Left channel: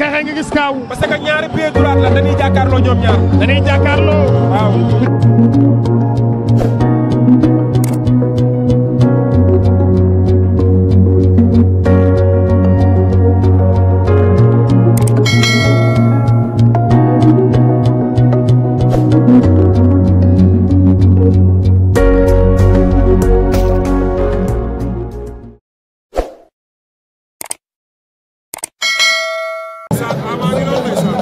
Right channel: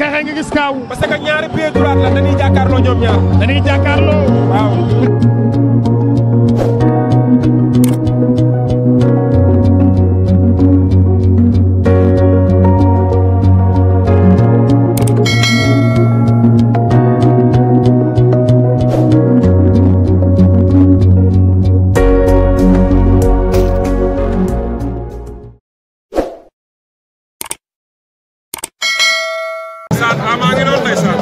xeexee nga gis kaaw. parce que ñaari pied droit la dañuy jàkkaarloo ñoom ñaar. dañuy jàkkaarloo. waaw. Ama ngi noonu ndeysaan.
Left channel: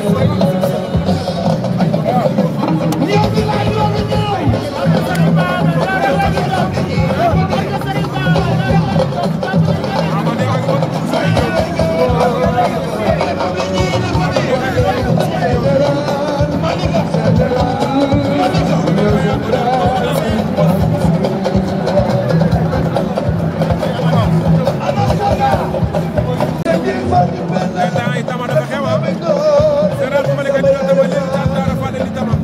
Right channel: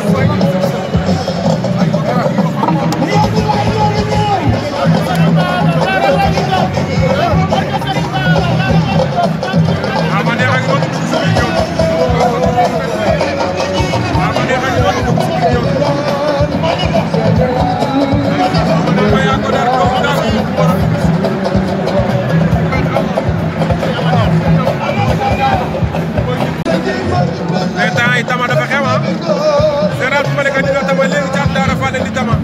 Ama neex ak noonu dugg si biir ñëw. Ama neex ak noonu dugg si biir ñëw. Ama yaa ko dar kaw dar. mais temps yi tama dafa xew ah. général bu ma nekk dina tama léegi Thiatou Daouda Fall di tama.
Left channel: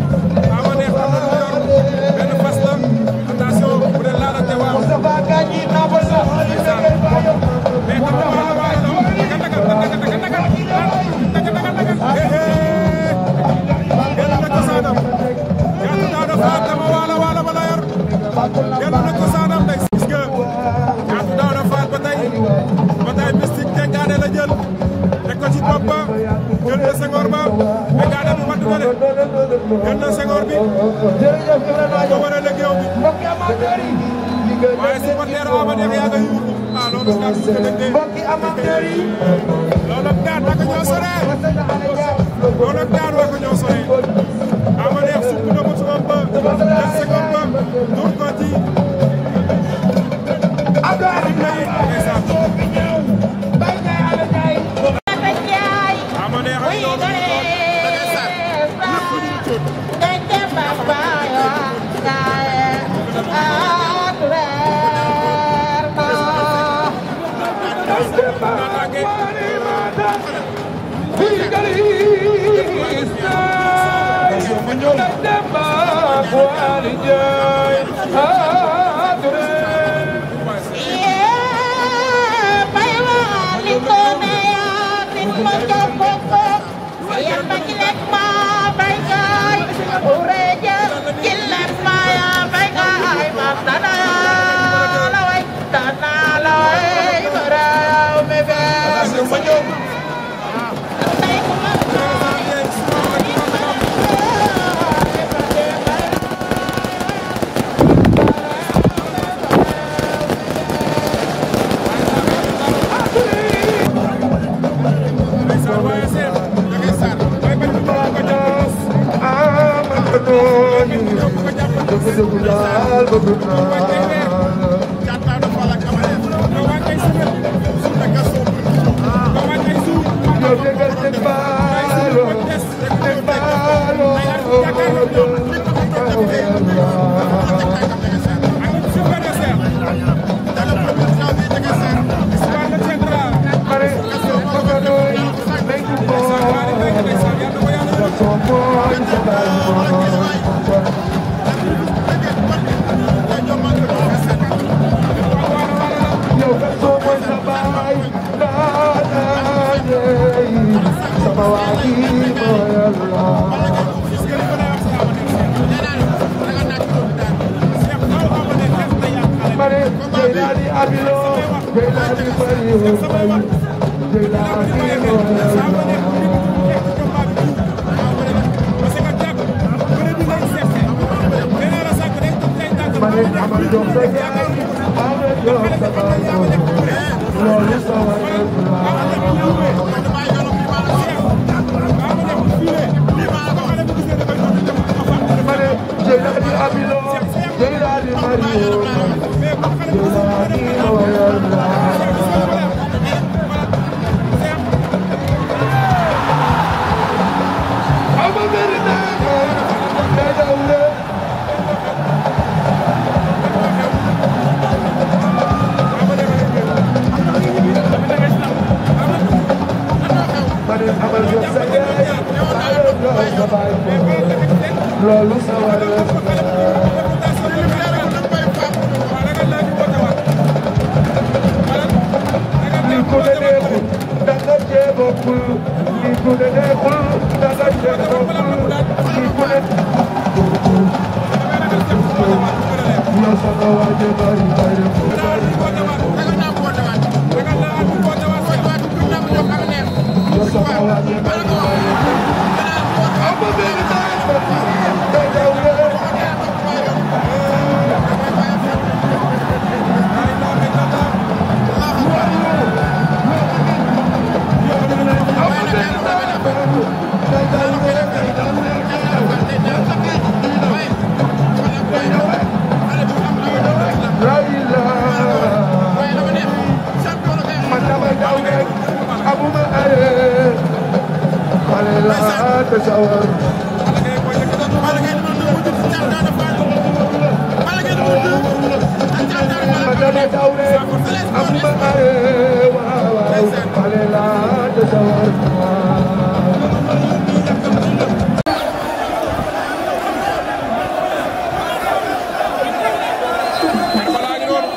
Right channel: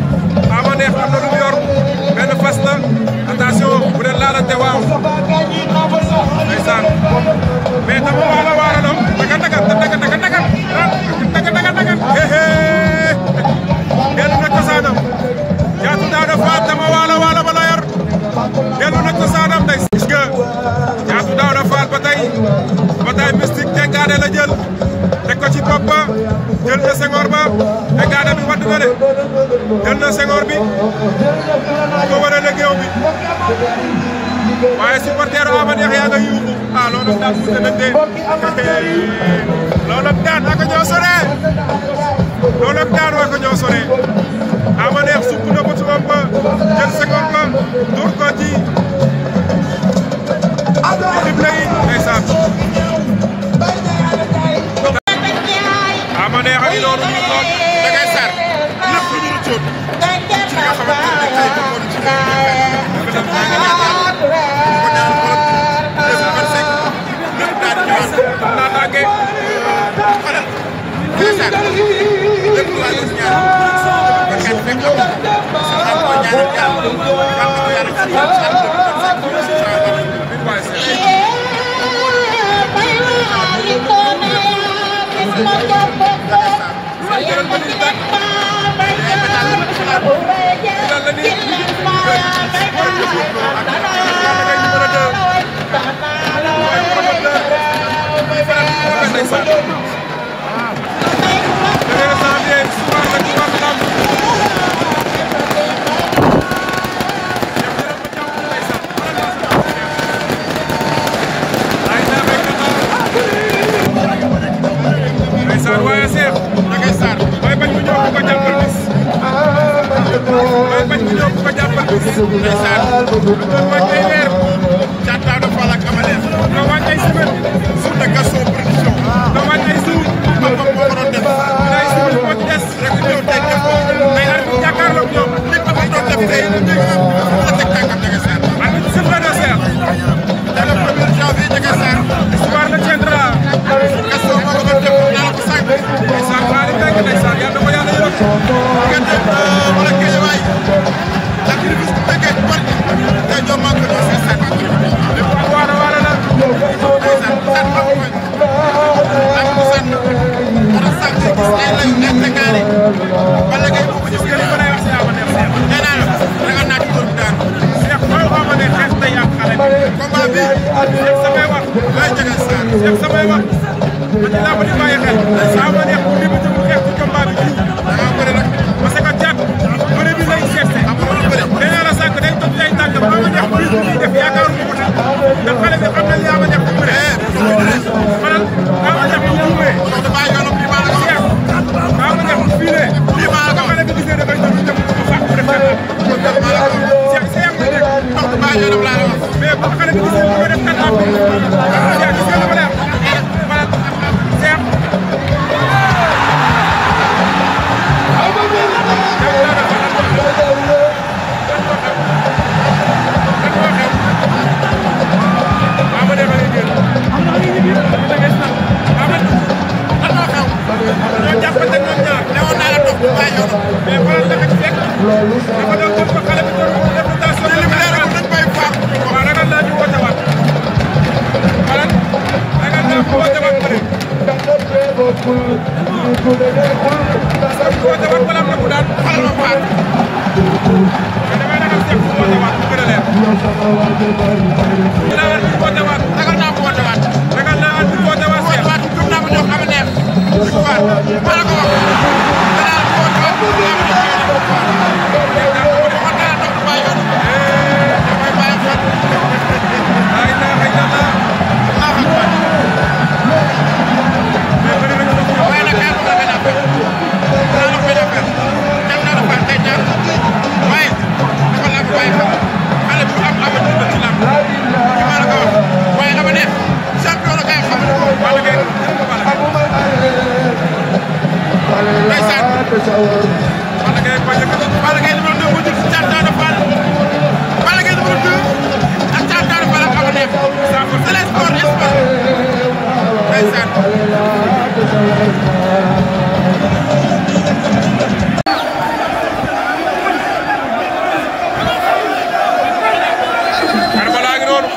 Ama neex am na lu mu yor benn fas la attention bu dee laalante waaw. ndeysaan mais tama waalo waalo la daga daga daga daga daga daga daga daga dellu na cosaanam Thiatou Daouda Fall tama waalo waalo ba la yor dellu na cosaanam day gis nga Thiatou Daouda Fall ba tey bataille mystique tengaade la jël teg ko ci bopp ba jël na sengoor ba tengaade bi wadd na de jël na sengoor bi di ko war a légeew bi waaye supporter Ama Neex yaa nga yuuxu ah loolu daan mu tëdd de loolu daan ak ñoo sore loolu daan ak ñoo sore Ama Neex sukk na ko ci bopp ba jël sengoor ba dur ko ci dible yi ndeysaan Ama Neex a ngi noonu nii lool da ngay sar lépp lu ñu rëccoon ci nga xamante ne tey moom moo di ci biir dëkk bi maa ngi ñaan yàlla ko ñaanal borom 2025 lépp daal di ñëwaat naa tànge xoolal day sar lépp lu waay doon ñaan ko ñaan fekk am maa ngi ko ñaanal yàlla yàlla ko yàlla ci waaye Cheikh da ngay sar may bañ mu ñëw ko jàppal bis may bañ mu ñëw ko jàppal bis day sar lu doon wàcc ay weer Thiatou Daouda Fall ak Ama Neex do wàcc ay semaine sur de Gaston production do wàcc ay jour papa moo ko doon def ay jour moo ci des rek ñëw tey def ko day ar jàkkaarloog ñoom nit dafa doon def tey la teg tànkam da ngay sar ak super de Cheikh dans le 1er janvier da ngay sar histoire de tiendra Gaston moo ko doon def naa ko sànq ndeysaan xaali fekk ndeysaan yàlla ko yàlla yërëm diggante wala Guédiawaye ak Rufisque bu fekkee parti tey ñoom maa ngi ko doon lépp ak waara waara la ndeysaan Cheikh bu woote waat wala am na ku daan xale ma faat mais damay ragal Cheikh bu woote waat bu gën a leer. dinaa at bi woote waat ragal naa ko woote waat. ragal naa at bi woote waat Cheikh. waat gëm naa ko jox xam neex. bu ko waat maa la ko wax. danaa at bi woote waat gëm naa ko jox xam neex. waxoon naa toog waa yoon. damay bàyyi fan. ay naa xëy na naa. mais bëri na ci ndox mi. waaye nag kay moom la benn affaire. dinaa la benn affaire. ñaan naa la faat tey ñaar. waaye dafa laa ko bàyyi xel. xale bu am avenir la ci làmb. li ma la ko wax. waaye ama neex. champion la kay xam ne ko. Balla Gaye jël ko Balla Gaye. ndeysaan. Balla Gaye koy yëkkati. Balla Gaye numéro 2 moo jël ci Thiatou Daouda Fall. Balla Gaye numéro 2 ak Thiatou Daouda Fall ak ama neex. c'est le sport ndeysaan. Karbala ngi noonu.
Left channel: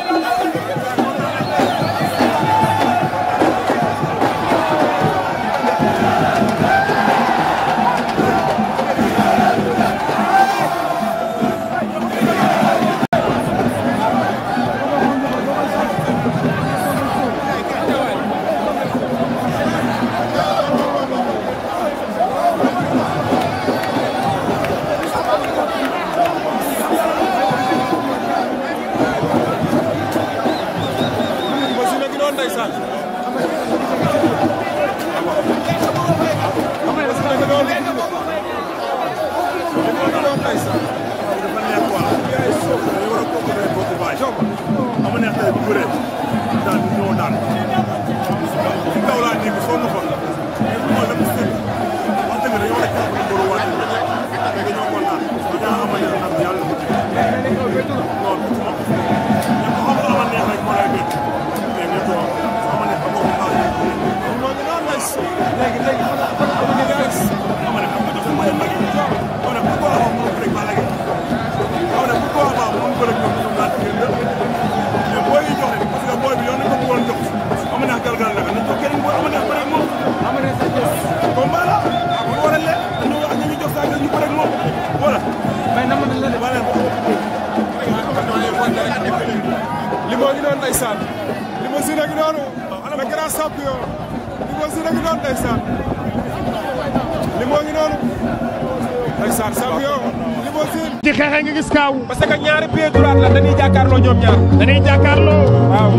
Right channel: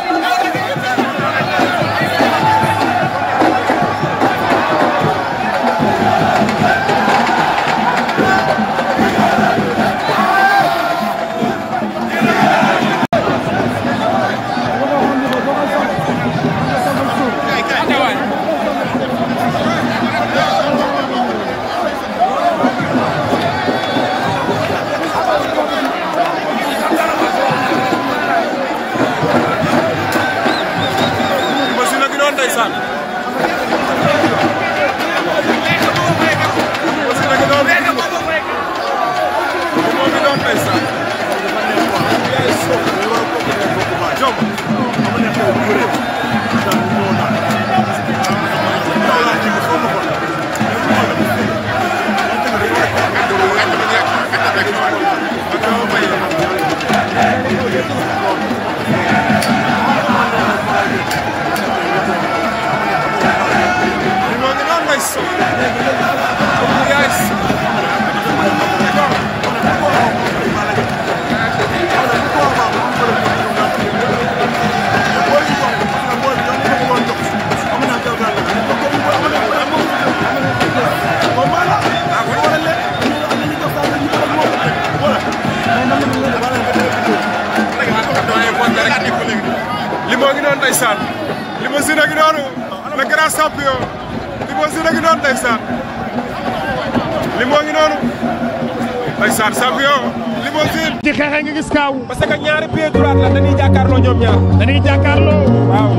Ndeysaan aussi nag doon moo ngi doon ndeysaan yaay sof jom amu ne ko buré dal ñoo dal yow la ci so mo ko Limo ngi noonu ndeysaan Limousine ngi noonu le grand champion Limousine ngi noonu ndeysaan Limo ngi noonu ndeysaan champion Limousine ci xeexe nga gis kaaw parce que ñaari pied droit la dañuy jàkkaarloo ñoom ñaar dañuy jàkkaarloo waaw